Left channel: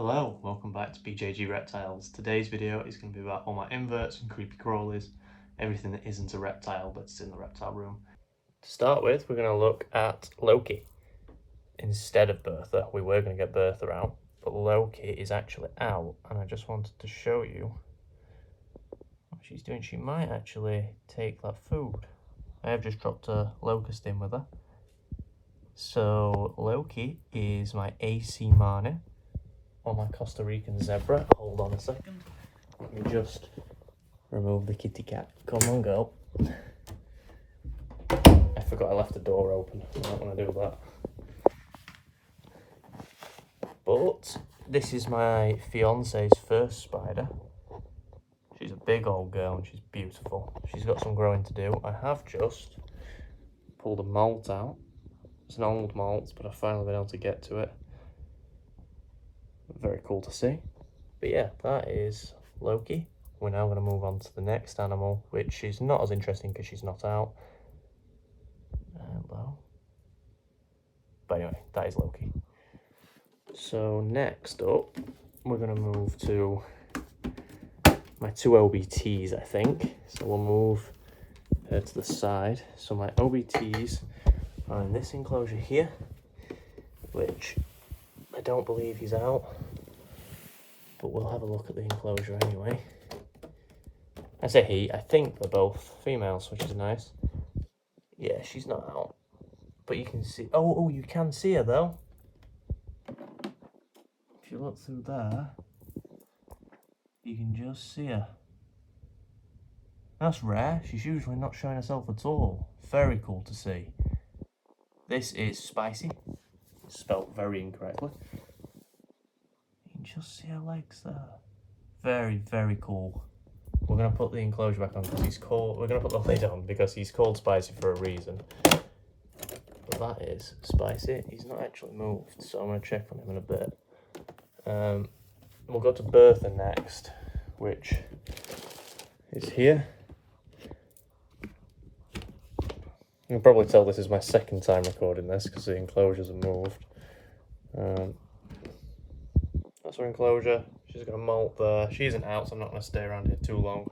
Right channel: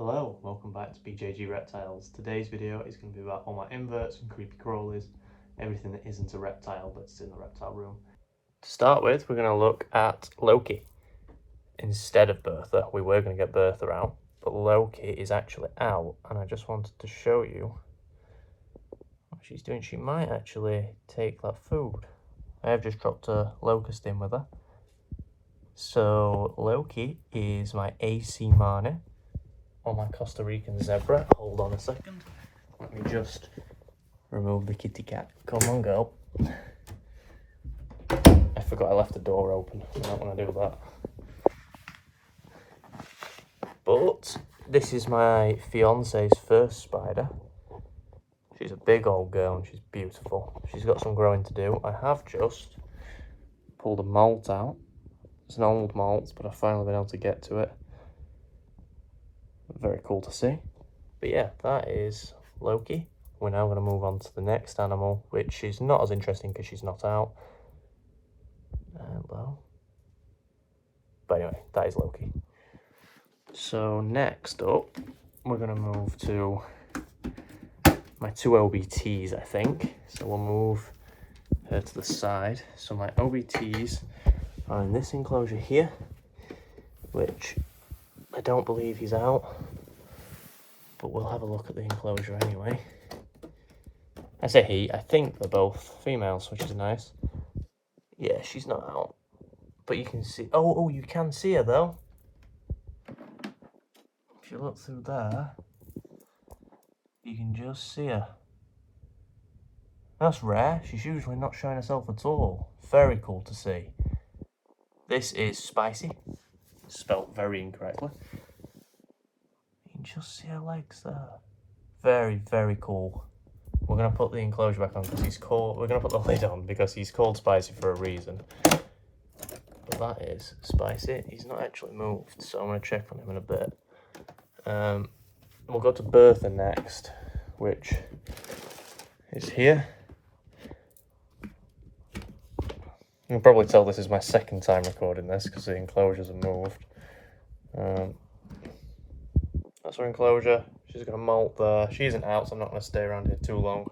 Hello, welcome back to BJG Reptiles. Today's video is going to be about all my inverts and creepy crawlies, everything that isn't a reptile but it's in the reptile room. To start with, we're going to look at Loki instead of Bertha. We were going to get Bertha out, but Loki is actually out, and I just wanted to show you what she's doing. She might actually take that food. I have just dropped a locust in with her. So Loki is my AC Marnie, or my Costa Rican zebra. Hold on a second. Let me just remove the kitty cat. Come on, girl. I forgot I left the door open. I don't want to do that. But this is my fiance's first spider. She's a big old girl and she's beautiful. She's got some growing to do. I have just pulled a molt out. It's an old molt, but I've finally been able to get to it. Very cool to see. But yeah, that is Loki. We're now going to move on to the next animal, which is not as interesting because she's not out. Well, but anyway, that is Loki. So next up, we're going to move to my two OBTs, I think. So we'll move her to the side. So my OBTs are in this enclosure here, which I don't believe he's out, but we'll have a look at the enclosure anyway. I say he, I think they're both females, which is nice. Yeah, she's not out, but you can see, oh, you can see her though. If you look through there, you can just see her. That's rare, she's usually not showing herself at all. Very cool to see. This is Spicy, spelt very incorrectly. You can just see her legs there. Very, very cool. We're going to put the enclosure back on because he's called, we're going to put the lid on because he's called Spicy for a reason. But that is Spicy. He's not actually moved, so I'm going to check on him in a bit. We'll go to Bertha next, which is here. You can probably tell this is my second time recording this because the enclosures have moved. That's her enclosure. She's got a molt there. She isn't out, so I'm not going to stay around here too long.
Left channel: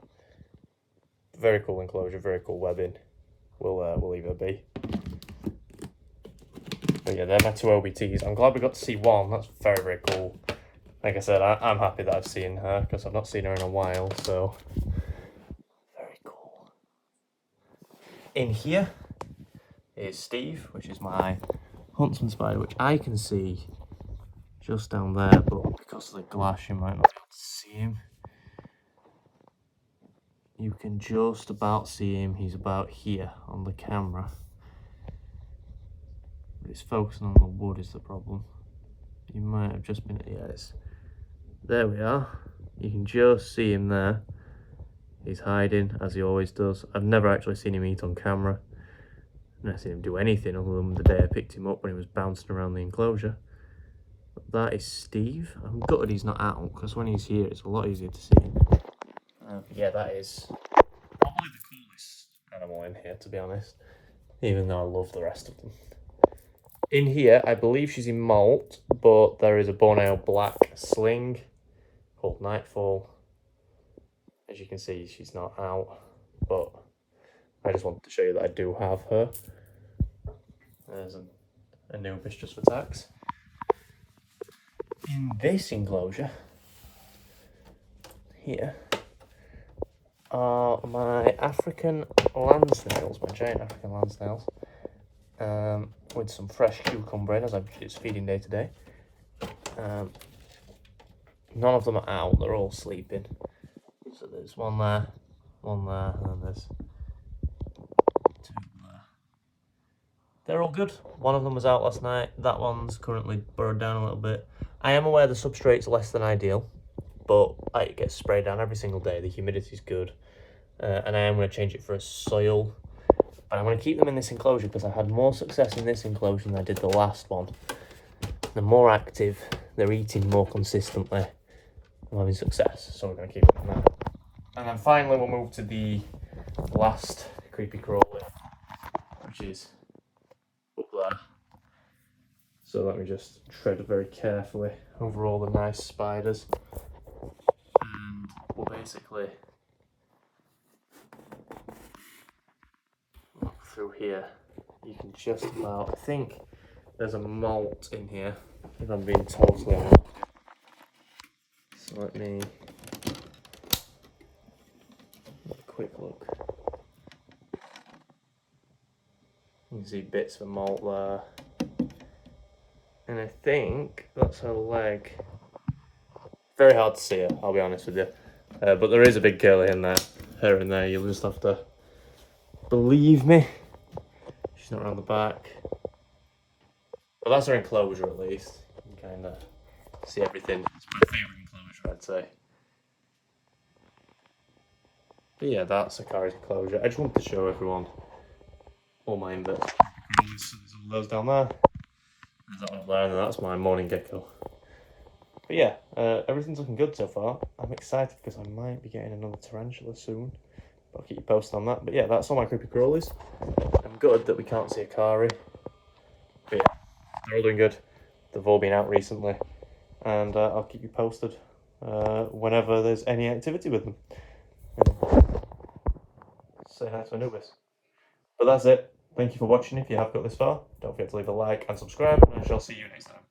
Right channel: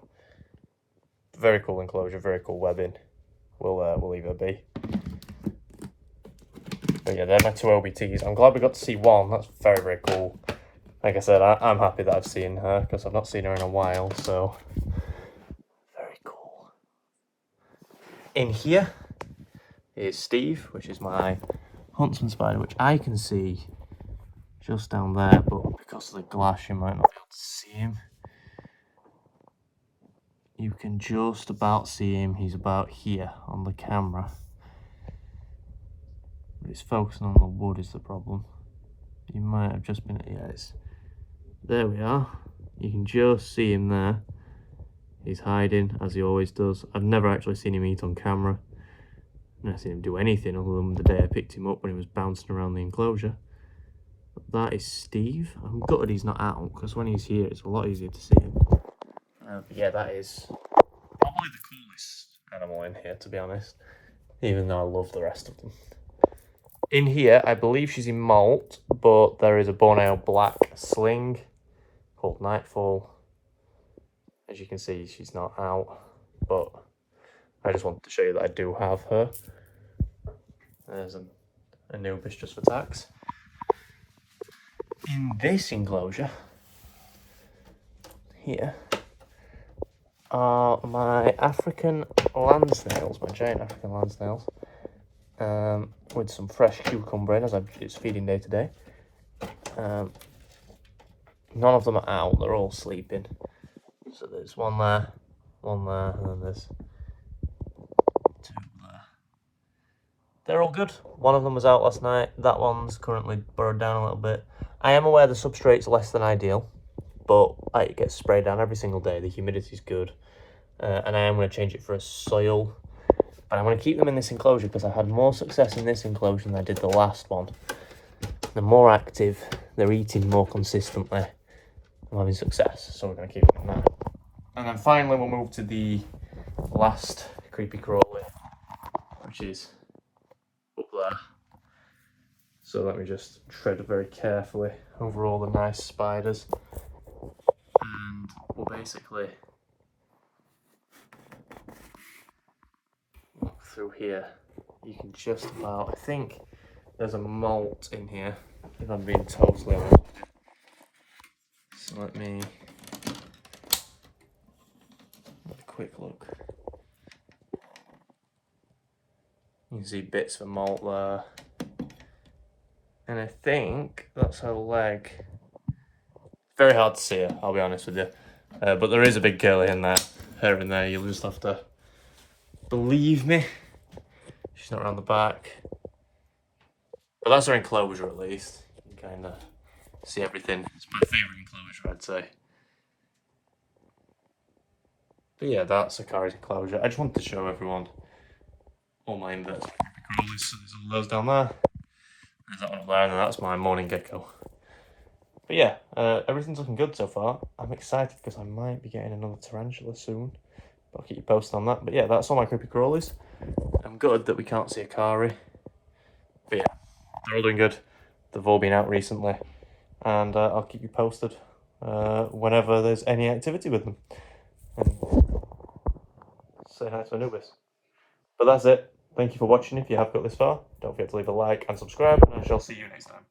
Very cool enclosure, very cool webbing. We'll leave her be. But yeah, they're my two OBTs. I'm glad we got to see one. That's very, very cool. Like I said, I'm happy that I've seen her because I've not seen her in a while, so very cool. In here is Steve, which is my huntsman spider, which I can see just down there, but because of the glass you might not be able to see him. You can just about see him. He's about here on the camera. It's focusing on the wood is the problem. You might have just been, yes. There we are. You can just see him there. He's hiding as he always does. I've never actually seen him eat on camera. I've never seen him do anything other than the day I picked him up when he was bouncing around the enclosure. But that is Steve. I'm gutted he's not out because when he's here it's a lot easier to see him. Yeah, that is probably the coolest animal in here, to be honest, even though I love the rest of them. In here, I believe she's in molt, but there is a Borneo black sling called Nightfall. As you can see, she's not out, but I just wanted to show you that I do have her. There's an Anubis just for tax. In this enclosure here are my African land snails, my giant African land snails, with some fresh cucumber in as it's feeding day to day. None of them are out, they're all sleeping. So there's one there, and then there's two there. They're all good. One of them was out last night. That one's currently burrowed down a little bit. I am aware the substrate's less than ideal, but it gets sprayed down every single day. The humidity's good, and I am going to change it for a soil. And I'm going to keep them in this enclosure because I had more success in this enclosure than I did the last one. They're more active, they're eating more consistently, I'm having success, so we're going to keep them in that. And then finally we'll move to the last creepy crawly, which is up there. So let me just tread very carefully over all the nice spiders. And we'll basically look through here. You can just about, I think there's a molt in here, if I'm being totally honest with you. So let me have a quick look. You can see bits of molt there. And I think that's her leg. Very hard to see her, I'll be honest with you. But there is a big curly in there, her in there. You'll just have to believe me. She's not around the back. But that's her enclosure at least. You can kind of see everything. It's my favourite enclosure, I'd say. But yeah, that's a Crawlies enclosure. I just wanted to show everyone all my inverts. Crawlies, so there's all those down there. There's that one up there, and that's my morning gecko. But yeah, everything's looking good so far. I'm excited because I might be getting another tarantula soon. I'll keep you posted on that. But yeah, that's all my creepy crawlies. I'm good that we can't see a Kari. But yeah, they're all doing good. They've all been out recently. And I'll keep you posted whenever there's any activity with them. Say hi to Anubis. But that's it. Thank you for watching. If you have got this far, don't forget to leave a like and subscribe, and I shall see you next time.